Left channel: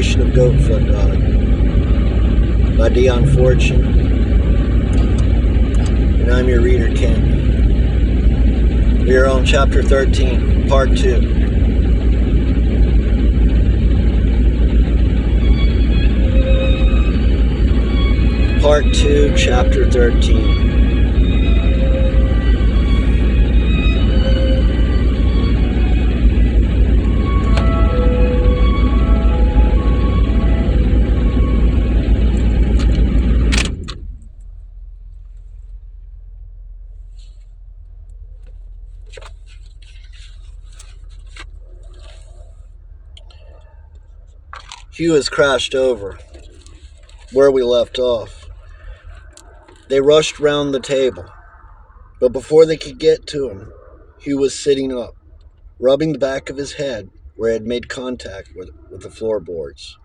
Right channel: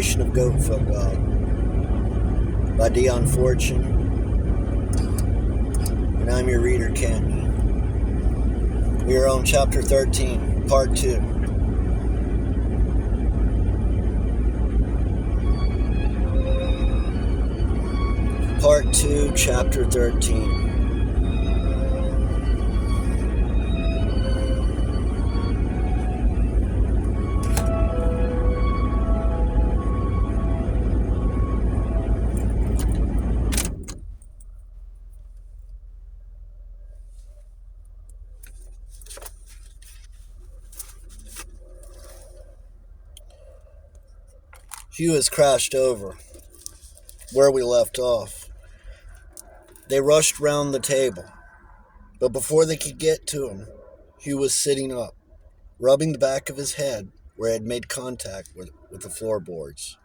Creation of Goatfoot Dog by Dion and I'm your reader, Cantney. We are on Chapter 13, Part 2. Part 2, Chapter 13. Hugh has crashed over where we left off. They rushed round the table, but before they could get to him, Hugh was sitting up, rubbing the back of his head where it had made contact with the floorboards.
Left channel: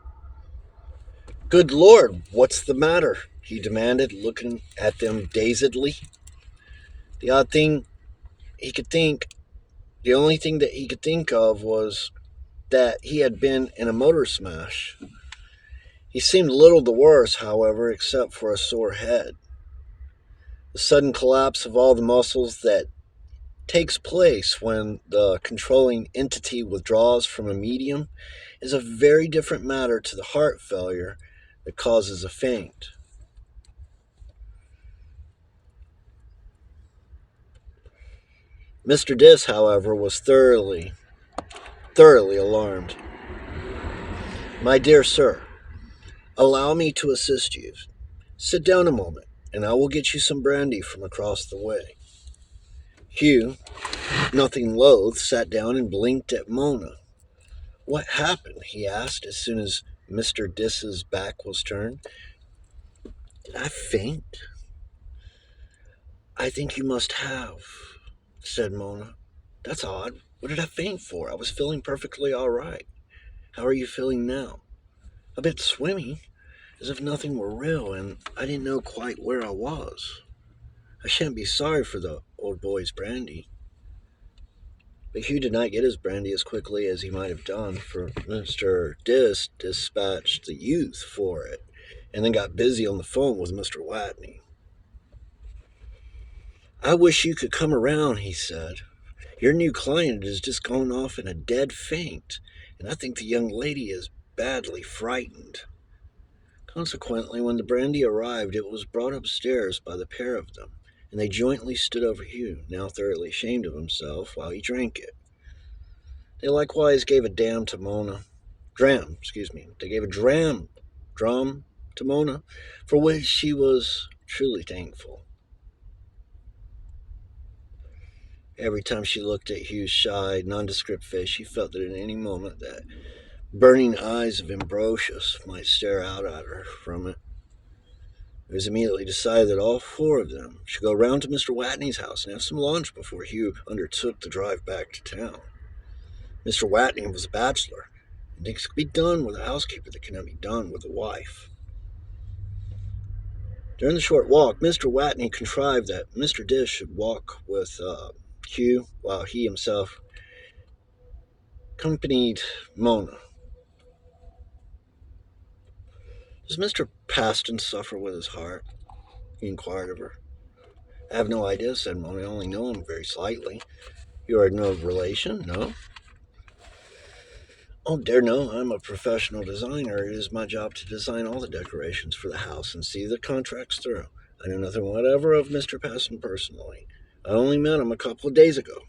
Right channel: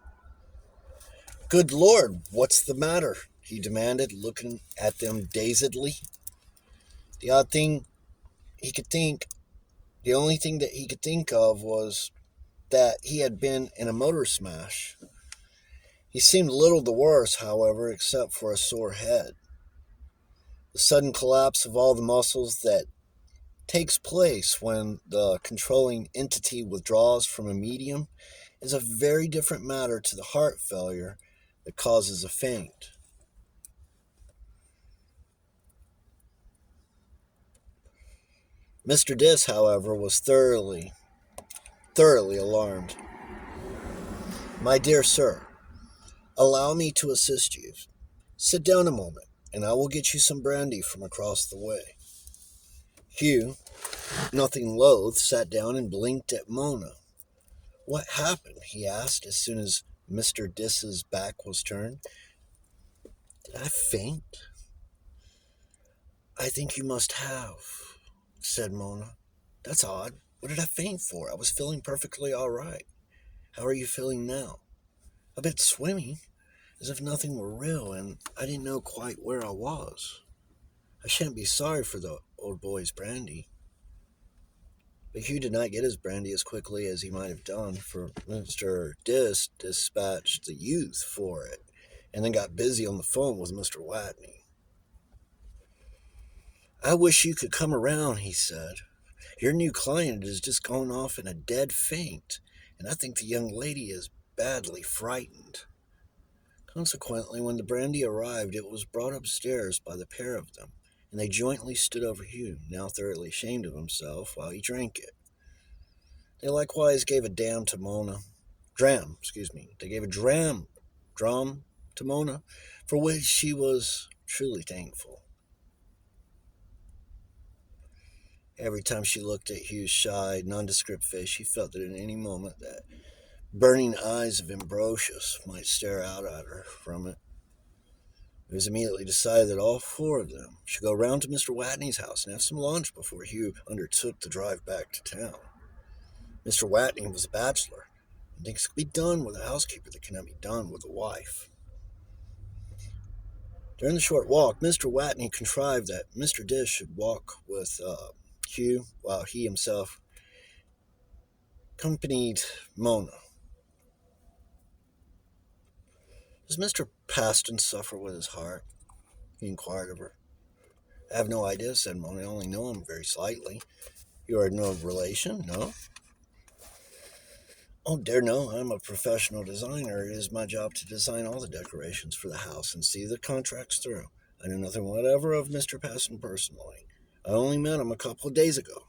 "Good Lord, what's the matter?" he demanded, looking at them dazedly. The only thing that he could think of was that he had been in a motor smash. He seemed little the worse, however, except for a sore head. The sudden collapse of all the muscles that takes place when the controlling entity withdraws from a medium is a very different matter to the heart failure that causes a faint. Mr. Dis, however, was thoroughly alarmed. "My dear sir, allow me to assist you. Sit down a moment, and I will get you some brandy from across the way." Hugh, nothing loath, sat down and blinked at Mona. "What happened?" he asked as soon as Mr. Dis's back was turned. "Did I faint?" "I think you must have," said Mona. "That's odd. What did I faint for? I was feeling perfectly all right. How are you feeling now?" "A bit swimmy, as if nothing were real, and I didn't know quite where I was. I shan't be sorry for the old boy's brandy." But Hugh did not get his brandy as quickly as he might have done, for Mr. Dis dispatched the youth for it, and then got busy on the phone with Mr. Watney. "I wish you could come around," he said. "Your new client has just gone off in a dead faint, and I think the young lady is badly frightened." Consequently, when the brandy arrived, it was brought upstairs by the pair of them, and they jointly stood over Hugh, now thoroughly ashamed of himself, while he drank it. They likewise gave a dram to Mona, for which she was truly thankful. Every time she looked at Hugh's shy, nondescript face, she felt that at any moment that burning eyes of Ambrosius might stare out at her from it. It was immediately decided that all four of them should go round to Mr. Watney's house and have some lunch before Hugh undertook the drive back to town. Mr. Watney was a bachelor, and things could be done with a housekeeper that cannot be done with a wife. During the short walk, Mr. Watney contrived that Mr. Dis should walk with Hugh, while he himself accompanied Mona. "Does Mr. Paston suffer with his heart?" he inquired of her. "I have no idea," said Mona. "I only know him very slightly." "You are no relation, no?" "Oh, dear no. I'm a professional designer. It is my job to design all the decorations for the house and see the contracts through. I know nothing whatever of Mr. Paston personally. I only met him a couple of days ago."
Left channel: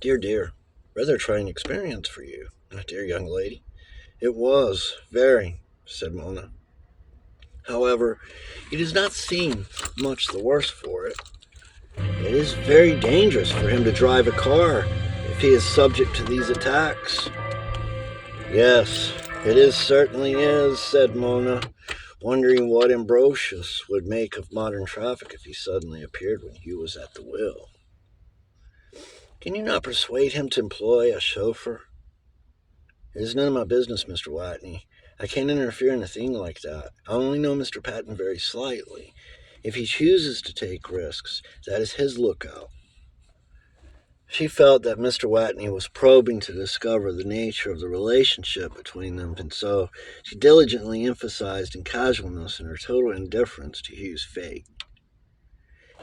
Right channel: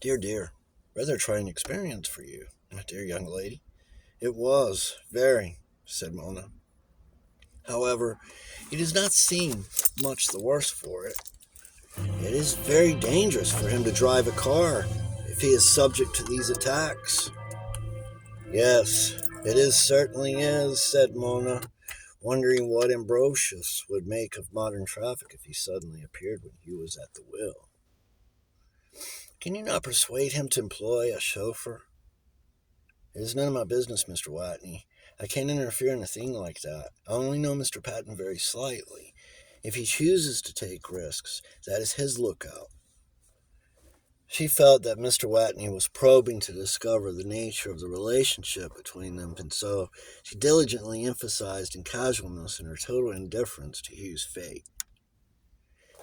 Dear. Rather a trying experience for you, my dear young lady." "It was, very," said Mona. "However, he does not seem much the worse for it. It is very dangerous for him to drive a car if he is subject to these attacks." "Yes, certainly is," said Mona, wondering what Ambrosius would make of modern traffic if he suddenly appeared when Hugh was at the wheel. "Can you not persuade him to employ a chauffeur?" "It is none of my business, Mr. Watney. I can't interfere in a thing like that. I only know Mr. Patton very slightly. If he chooses to take risks, that is his lookout." She felt that Mr. Watney was probing to discover the nature of the relationship between them, and so she diligently emphasized in casualness and her total indifference to Hugh's fate.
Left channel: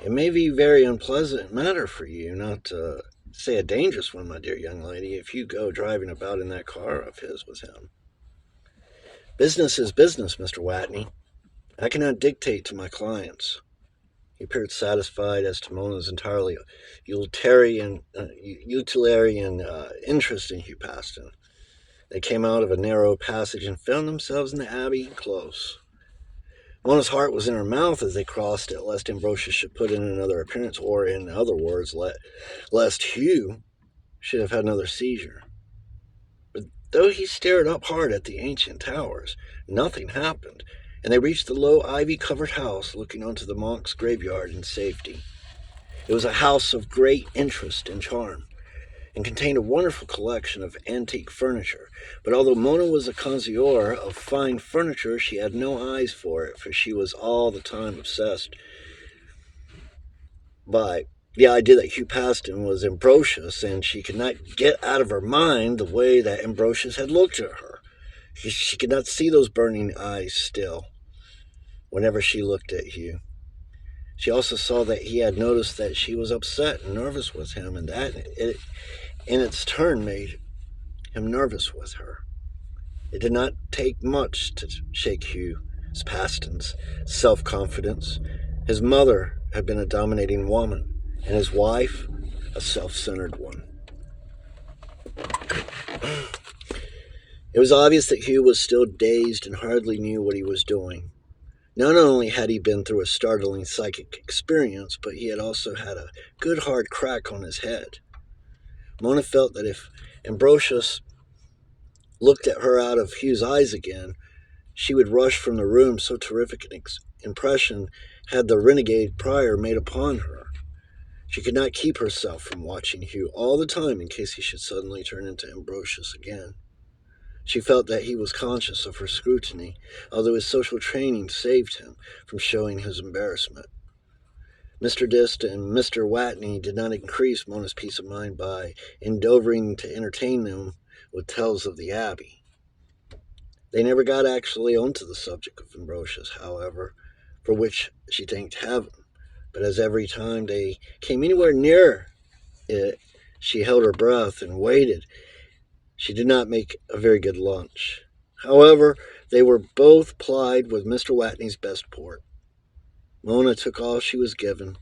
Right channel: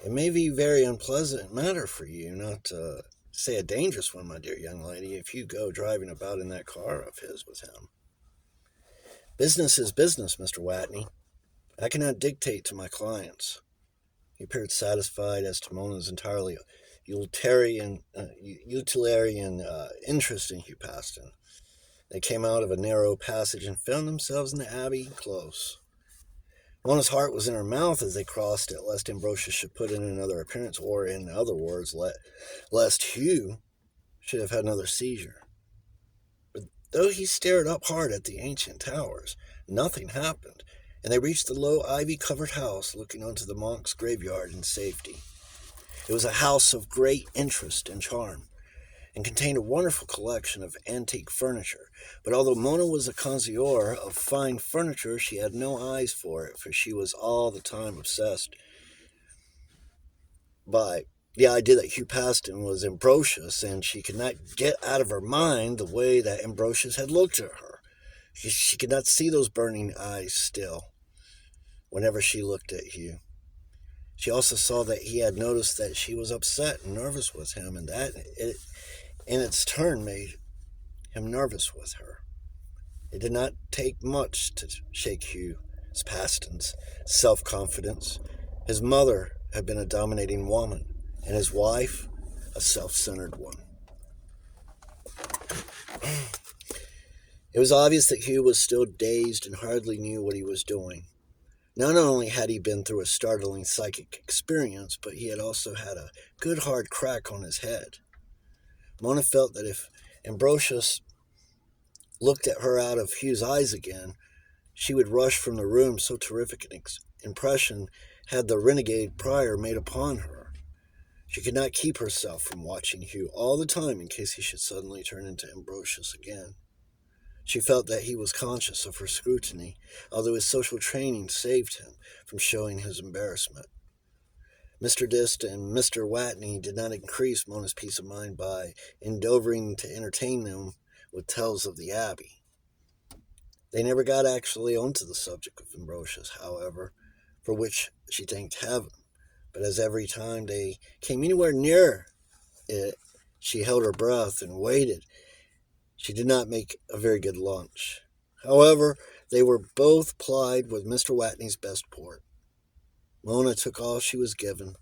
It may be a very unpleasant matter for you, not to say a dangerous one, my dear young lady, if you go driving about in that car of his with him. Business is business, Mr. Watney. I cannot dictate to my clients. He appeared satisfied as to Mona's entirely utilitarian interest in Hugh Paston. They came out of a narrow passage and found themselves in the Abbey close. Mona's heart was in her mouth as they crossed it, lest Ambrosius should put in another appearance, or, in other words, lest Hugh should have had another seizure. But though he stared up hard at the ancient towers, nothing happened, and they reached the low ivy-covered house looking onto the monk's graveyard in safety. It was a house of great interest and charm, and contained a wonderful collection of antique furniture. But although Mona was a connoisseur of fine furniture, she had no eyes for it, for she was all the time obsessed by the idea that Hugh Paston was Ambrosius, and she could not get out of her mind the way that Ambrosius had looked at her. She could not see those burning eyes still whenever she looked at Hugh. She also saw that he had noticed that she was upset and nervous with him, and that in its turn made him nervous with her. It did not take much to shake Hugh Paston's self-confidence. His mother had been a dominating woman, and his wife a self-centered one. It was obvious that Hugh was still dazed and hardly knew what he was doing. Not only had he been through a startling psychic experience, but he had also had a good hard crack on his head. Mona felt that if Ambrosius looked at her out of Hugh's eyes again, she would rush from the room, so terrific an impression had the renegade prior made upon her. She could not keep herself from watching Hugh all the time in case he should suddenly turn into Ambrosius again. She felt that he was conscious of her scrutiny, although his social training saved him from showing his embarrassment. Mr. Dist and Mr. Watney did not increase Mona's peace of mind by endeavoring to entertain them with tales of the Abbey. They never got actually onto the subject of Ambrosius, however, for which she thanked heaven. But as every time they came anywhere near it, she held her breath and waited. She did not make a very good lunch. However, they were both plied with Mr. Watney's best port. Mona took all she was given.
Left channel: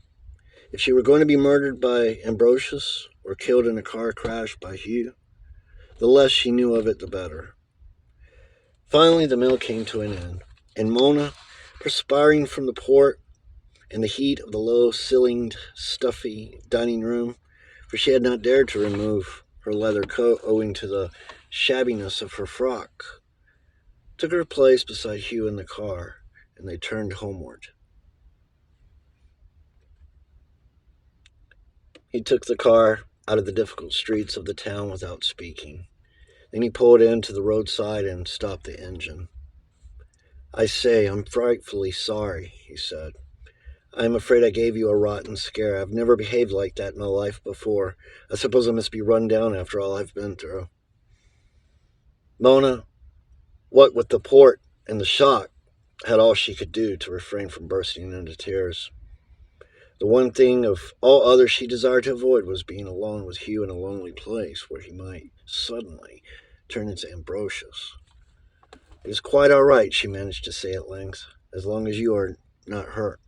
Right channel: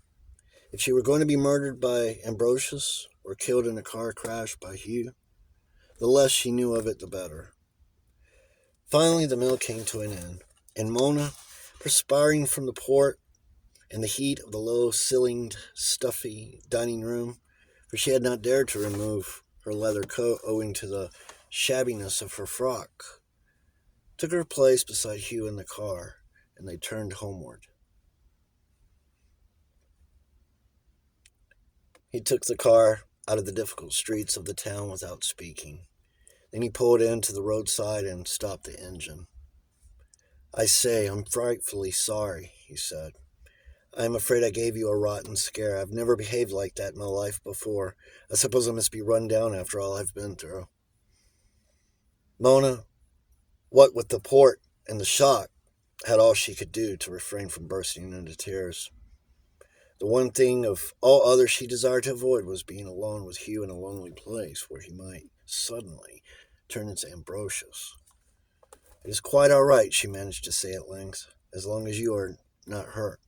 If she were going to be murdered by Ambrosius or killed in a car crash by Hugh, the less she knew of it, the better. Finally, the meal came to an end, and Mona, perspiring from the port and the heat of the low-ceilinged, stuffy dining room, for she had not dared to remove her leather coat owing to the shabbiness of her frock, took her place beside Hugh in the car, and they turned homeward. He took the car out of the difficult streets of the town without speaking. Then he pulled in to the roadside and stopped the engine. "I say, I'm frightfully sorry," he said. "I'm afraid I gave you a rotten scare. I've never behaved like that in my life before. I suppose I must be run down after all I've been through." Mona, what with the port and the shock, had all she could do to refrain from bursting into tears. The one thing of all others she desired to avoid was being alone with Hugh in a lonely place where he might suddenly turn into Ambrosius. "It is quite all right," she managed to say at length, "as long as you are not hurt."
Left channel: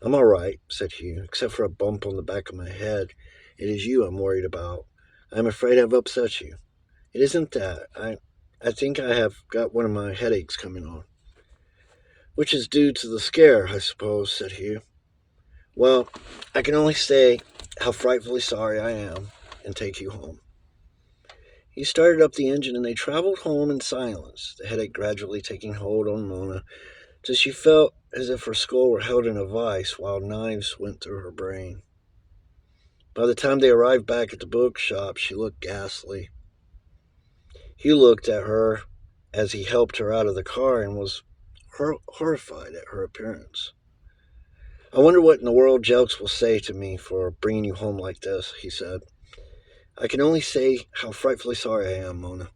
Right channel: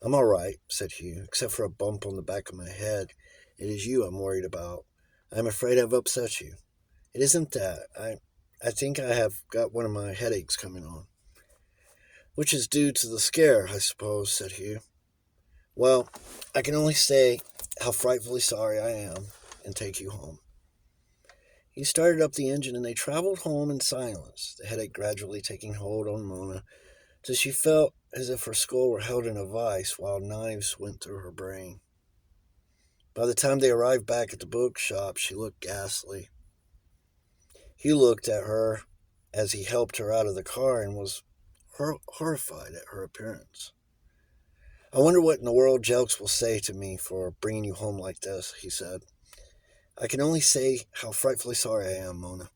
"I'm all right," said Hugh, "except for a bump on the back of my head. It is you I'm worried about. I'm afraid I've upset you." "It isn't that. I think I have got one of my headaches coming on." "Which is due to the scare, I suppose," said Hugh. "Well, I can only say how frightfully sorry I am and take you home." He started up the engine and they traveled home in silence, the headache gradually taking hold on Mona till she felt as if her skull were held in a vice while knives went through her brain. By the time they arrived back at the bookshop, she looked ghastly. Hugh looked at her as he helped her out of the car and was horrified at her appearance. I wonder what in the world Jelks will say to me for bringing you home like this, he said. I can only say how frightfully sorry I am, Mona.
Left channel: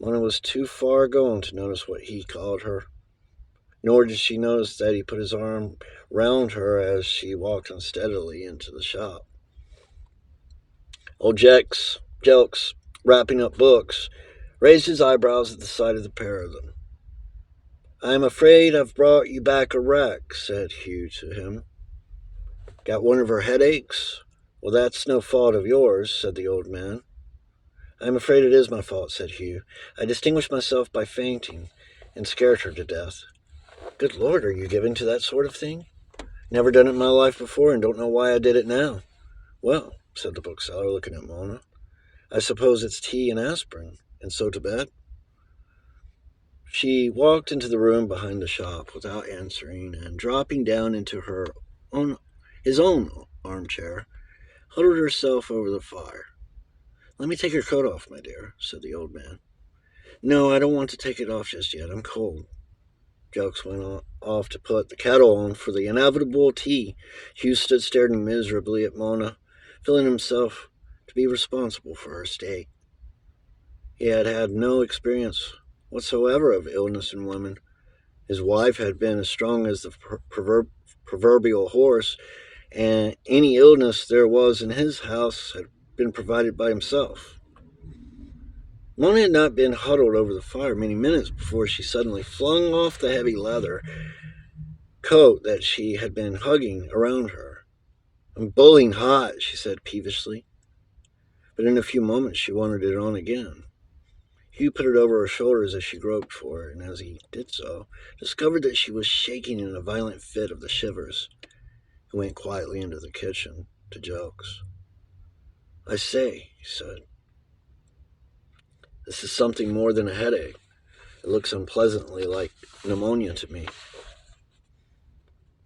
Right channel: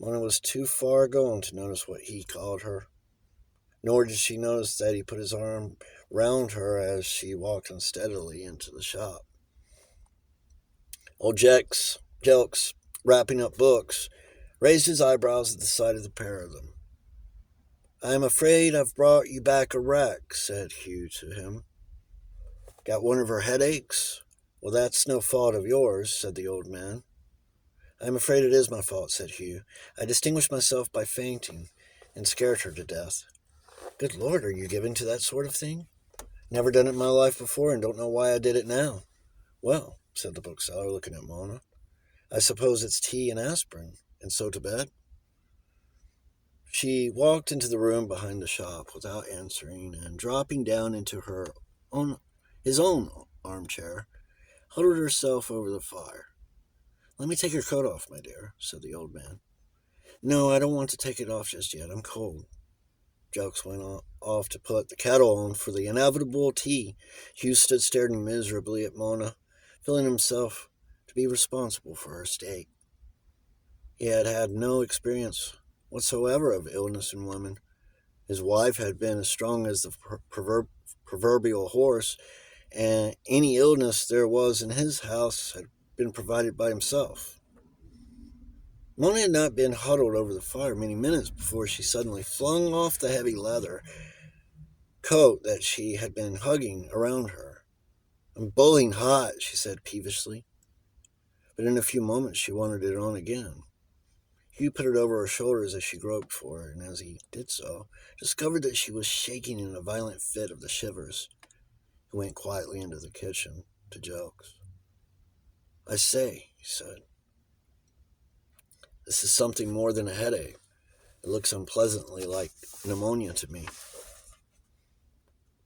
Mona was too far gone to notice what he called her, nor did she notice that he put his arm round her as she walked unsteadily into the shop. Old Jelks, wrapping up books, raised his eyebrows at the sight of the pair of them. I am afraid I've brought you back a wreck, said Hugh to him. Got one of her headaches? Well, that's no fault of yours, said the old man. I am afraid it is my fault, said Hugh. I distinguished myself by fainting and scared her to death. Good Lord, are you given to that sort of thing? Never done it in my life before and don't know why I did it now. Well, said the bookseller, looking at Mona, I suppose it's tea and aspirin, and so to bed. She walked into the room behind the shop without answering, and dropping down into his own armchair, huddled herself over the fire. Let me take your coat off, my dear, said the old man. No, I don't want to take it off just yet. I'm cold. Jelks went off to put the kettle on for the inevitable tea. Hugh stood staring miserably at Mona, feeling himself to be responsible for her state. He had had no experience whatsoever of illness in women. His wife had been as strong as the proverbial horse, and any illness there was in his house had been provided by himself. Mona had not been huddled over the fire many minutes before she suddenly flung off the heavy leather coat that she had been hugging around her. I'm boiling hot, she said peevishly. But in a few moments she wanted it on again. Hugh put it over her shoulders as she groped for it, and as he did so, discovered that she was shaking in a violent fit of the shivers. He went quietly into the kitchen to Jelks. I say, he said, this is something more than a headache. It looks unpleasantly like pneumonia to me.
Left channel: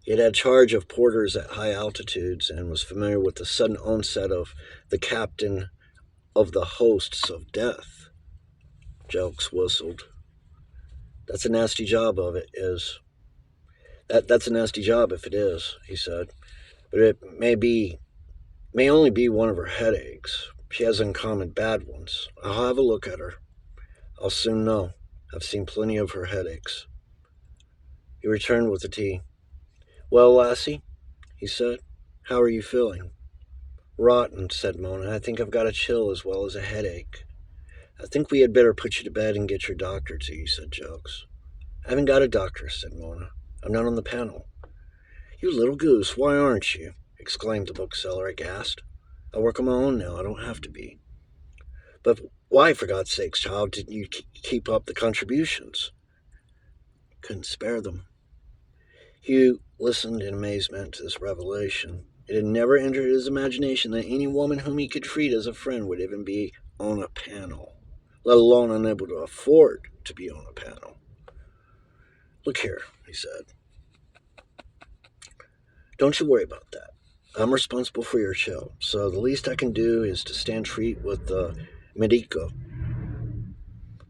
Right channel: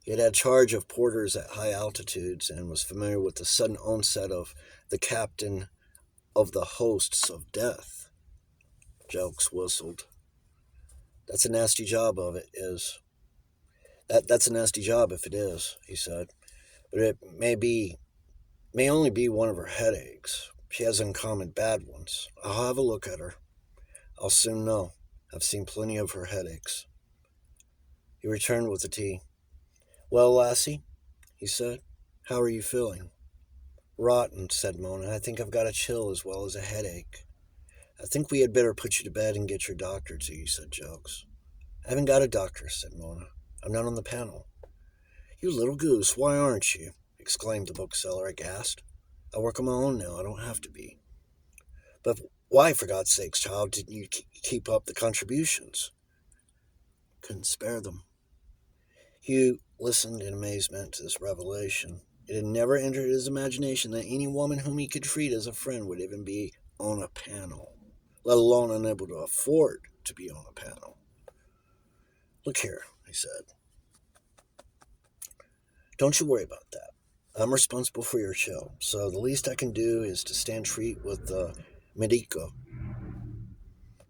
He had had charge of porters at high altitudes and was familiar with the sudden onset of the captain of the hosts of death. Jelks whistled. That's a nasty job of it is. That's a nasty job if it is, he said. But it may only be one of her headaches. She has uncommon bad ones. I'll have a look at her. I'll soon know. I've seen plenty of her headaches. He returned with the tea. Well, lassie, he said, how are you feeling? Rotten, said Mona. I think I've got a chill as well as a headache. I think we had better put you to bed and get your doctor to you, said Jelks. I haven't got a doctor, said Mona. I'm not on the panel. You little goose, why aren't you? Exclaimed the bookseller, aghast. I work on my own now, I don't have to be. But why, for God's sakes, child, didn't you keep up the contributions? Couldn't spare them. Hugh listened in amazement to this revelation. It had never entered his imagination that any woman whom he could treat as a friend would even be on a panel, let alone unable to afford to be on a panel. Look here, he said. Don't you worry about that. I'm responsible for your chill, so the least I can do is to stand treat with the medico.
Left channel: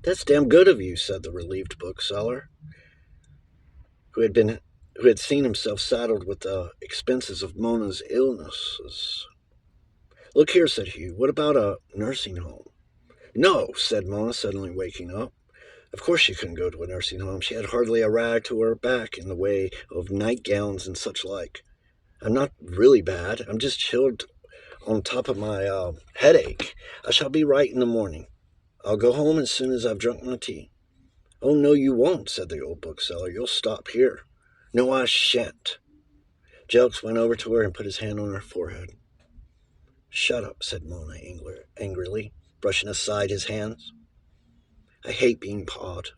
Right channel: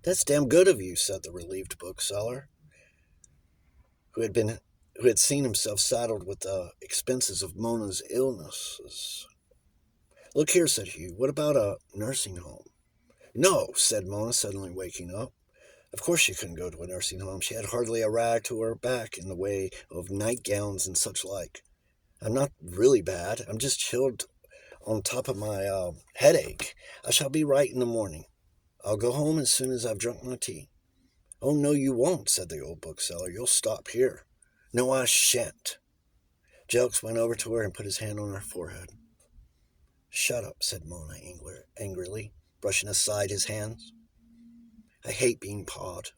That's damn good of you, said the relieved bookseller, who had seen himself saddled with the expenses of Mona's illnesses. Look here, said Hugh, what about a nursing home? No, said Mona, suddenly waking up. Of course she couldn't go to a nursing home. She had hardly a rag to her back in the way of nightgowns and such like. I'm not really bad. I'm just chilled on top of my headache. I shall be right in the morning. I'll go home as soon as I've drunk my tea. Oh, no, you won't, said the old bookseller. You'll stop here. No, I shan't. Jelks went over to her and put his hand on her forehead. Shut up, said Mona angrily, brushing aside his hands. I hate being pawed.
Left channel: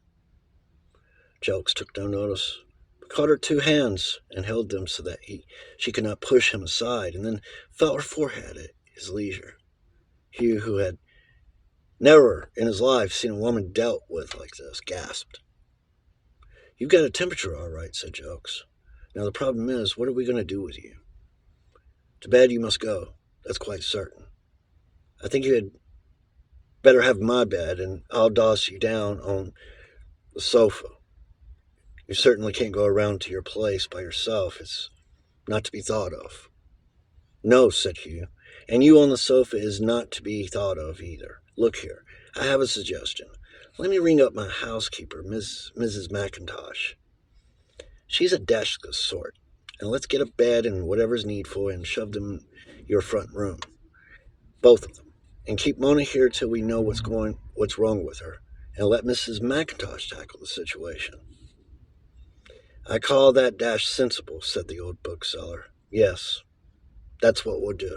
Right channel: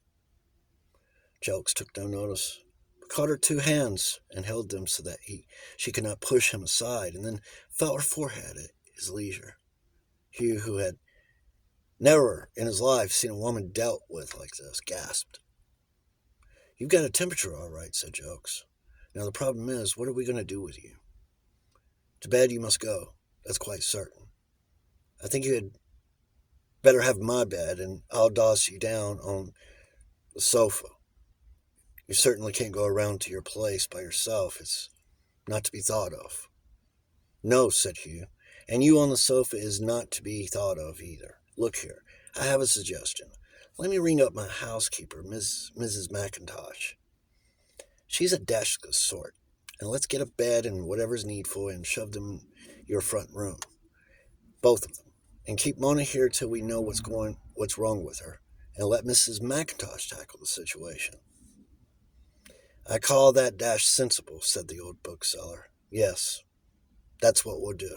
Jelks took no notice, but caught her two hands and held them so that she could not push him aside, and then felt her forehead at his leisure. Hugh, who had never in his life seen a woman dealt with like this, gasped. You've got a temperature all right, said Jelks. Now the problem is, what are we going to do with you? To bed you must go, that's quite certain. I think you had better have my bed, and I'll doss you down on the sofa. You certainly can't go around to your place by yourself. It's not to be thought of. No, said Hugh, and you on the sofa is not to be thought of either. Look here, I have a suggestion. Let me ring up my housekeeper, Mrs. McIntosh. She's a desk sort, and let's get a bed and whatever's needful and shove them in your front room, both of them, and keep Mona here till we know what's wrong with her, and let Mrs. McIntosh tackle the situation. I call that dash sensible, said the old bookseller. Yes, that's what we'll do.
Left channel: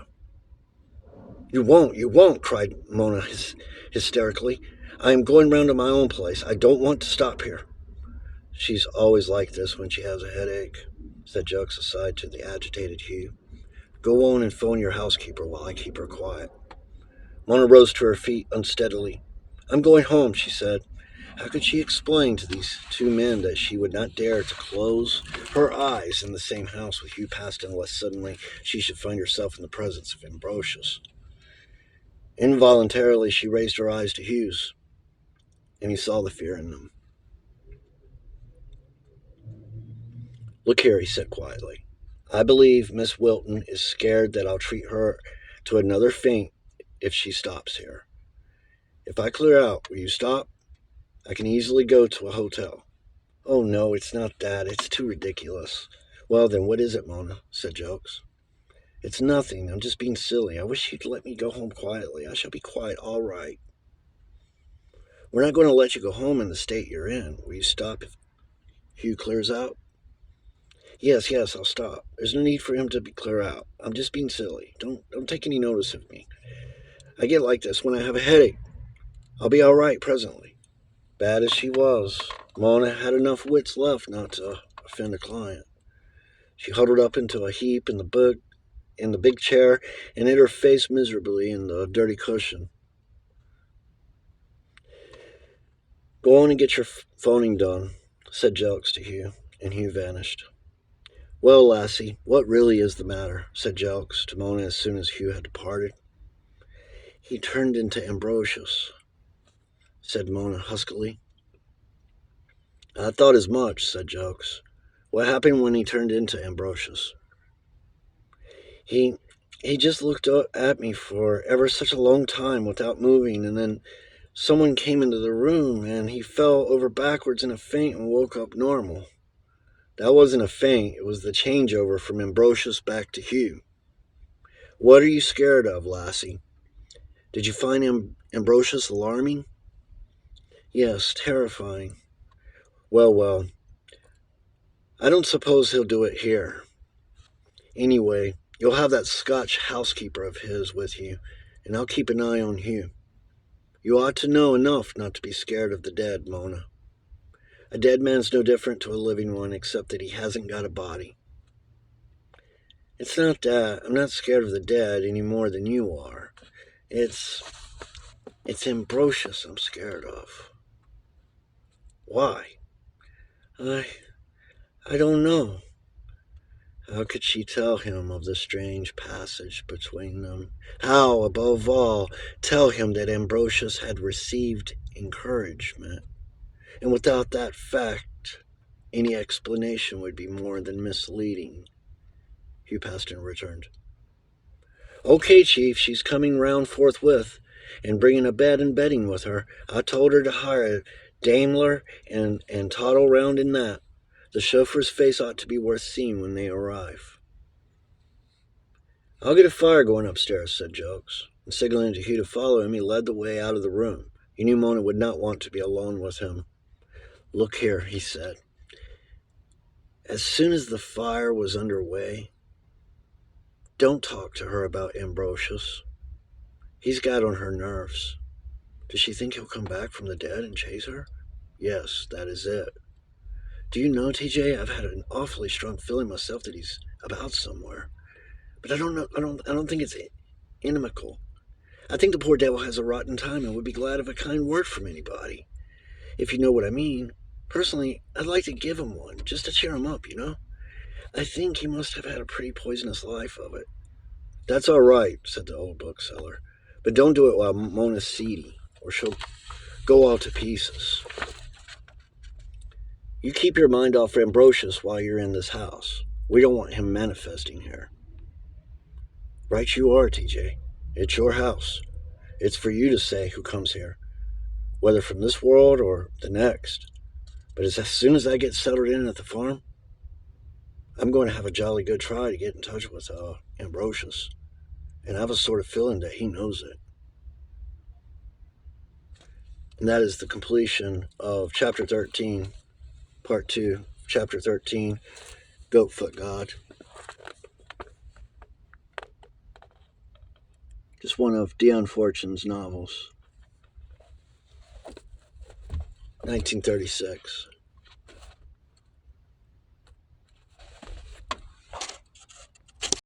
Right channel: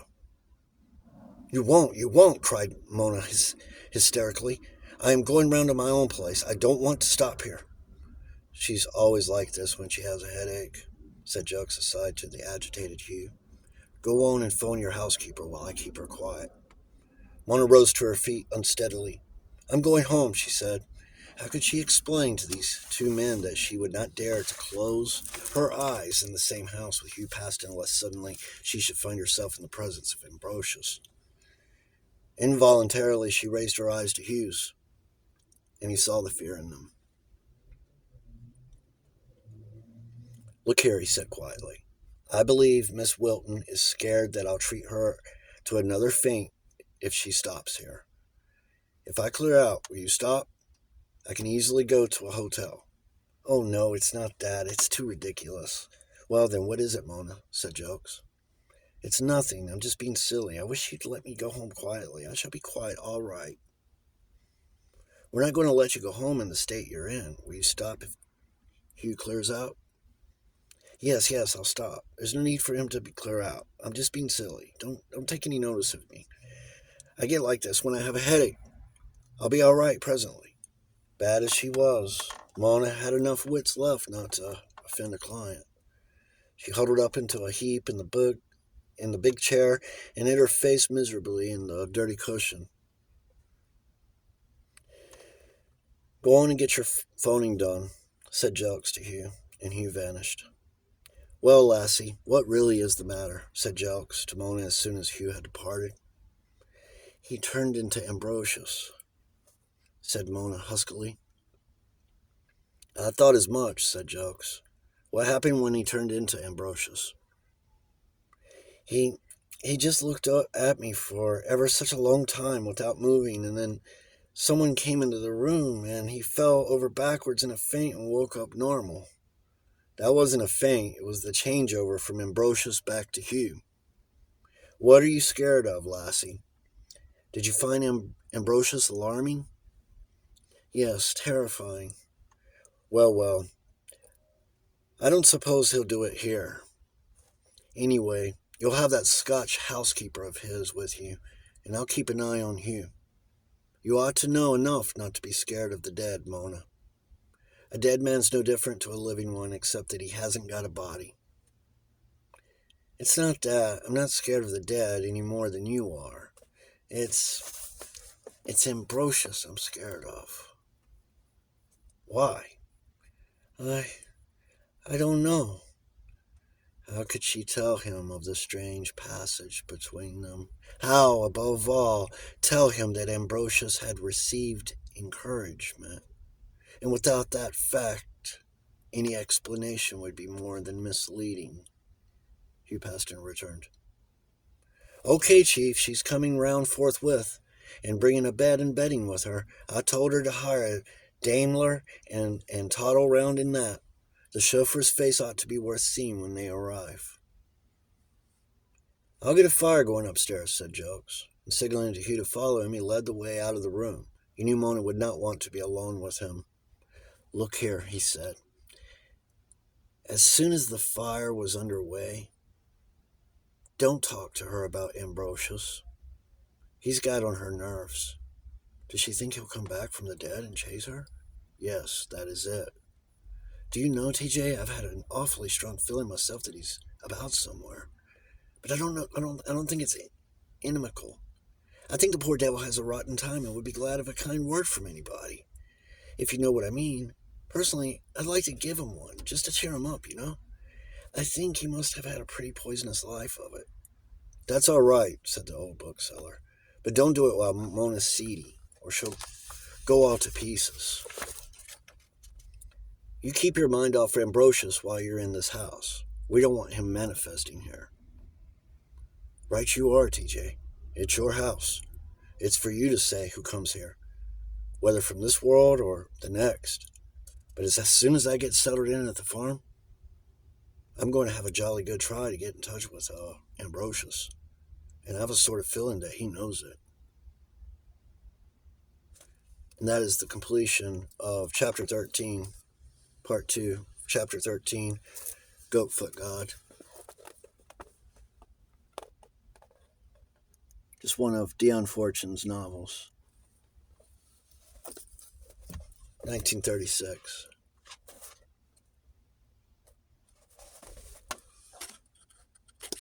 You won't, cried Mona hysterically. I am going round to my own place. I don't want to stop here. She's always like this when she has a headache, said Jokes aside to the agitated Hugh. Go on and phone your housekeeper while I keep her quiet. Mona rose to her feet unsteadily. I'm going home, she said. How could she explain to these two men that she would not dare to close her eyes in the same house with Hugh Paston unless suddenly she should find herself in the presence of Ambrosius? Involuntarily, she raised her eyes to Hugh's, and he saw the fear in them. Look here, he said quietly. I believe Miss Wilton is scared that I'll treat her to another faint if she stops here. If I clear out, will you stop? I can easily go to a hotel. Oh, no, it's not that. It's too ridiculous. Well, then, what is it, Mona? Said Jokes. It's nothing. I'm just being silly. I wish you'd let me go home quietly. I shall be quiet, all right. We're not going to let you go home in the state you're in. Will you stop if Hugh clears out? Yes, I'll stop. There's no need for him to be clear out. I'm just being silly. Don't take any notice of me. I get like this when I have a headache. I'll be all right presently. Bad as she was, Mona had enough wits left not to offend a client. She huddled up into a heap in the big chair and hid her face miserably in the dirty cushion. Go on and get your phoning done, said Jelks to Hugh, and Hugh vanished. Well, lassie, what really is the matter? Said Jelks to Mona as soon as Hugh had departed. He turned into Ambrosius, said Mona huskily. I thought as much, said Jelks. What happened when he turned into Ambrosius? He just looked at me for ever such a long time without moving, and then someone came into the room, and he fell over backwards in a faint and woke up normal. That wasn't a faint, it was the changeover from Ambrosius back to Hugh. What are you scared of, lassie? Did you find Ambrosius alarming? Yes, terrifying. Well, I don't suppose he'll do it here. Anyway, you'll have that Scotch housekeeper of his with you, and I'll keep an eye on Hugh. You ought to know enough not to be scared of the dead, Mona. A dead man's no different to a living one, except that he hasn't got a body. It's not that. I'm not scared of the dead any more than you are. It's Ambrosius I'm scared of. Why? I don't know. How could she tell him of the strange passage between them? How, above all, tell him that Ambrosius had received encouragement? And without that fact, any explanation would be more than misleading. Hugh Paston returned. Okay, Chief, she's coming round forthwith, and bringing a bed and bedding with her. I told her to hire a Daimler and toddle round in that. The chauffeur's face ought to be worth seeing when they arrive. I'll get a fire going upstairs, said Jokes, and signaling to Hugh to follow him, he led the way out of the room. He knew Mona would not want to be alone with him. Look here, he said. As soon as the fire was under way, don't talk to her about Ambrosius. He's got on her nerves. Does she think he'll come back from the dead and chase her? Yes, that is it. Do you know, TJ, I've had an awfully strong feeling myself that he's about somewhere. But I don't know. I don't think it's inimical. I think the poor devil has a rotten time and would be glad of a kind word from anybody. If you know what I mean. Personally, I'd like to give him one, just to cheer him up, you know? I think he must have had a pretty poisonous life of it. That's all right, said the old bookseller. But don't do it while Mona's seedy, or she'll go all to pieces. You keep your mind off Ambrosius while you're in this house. We don't want him manifesting here. Right you are, TJ. It's your house. It's for you to say who comes here, whether from this world or the next. But as soon as I get settled in at the farm, I'm going to have a jolly good try to get in touch with Ambrosius. And I have a sort of feeling that he knows it. And that is the completion of Chapter 13, Part 2, Chapter 13, Goatfoot God. Just one of Dion Fortune's novels, 1936.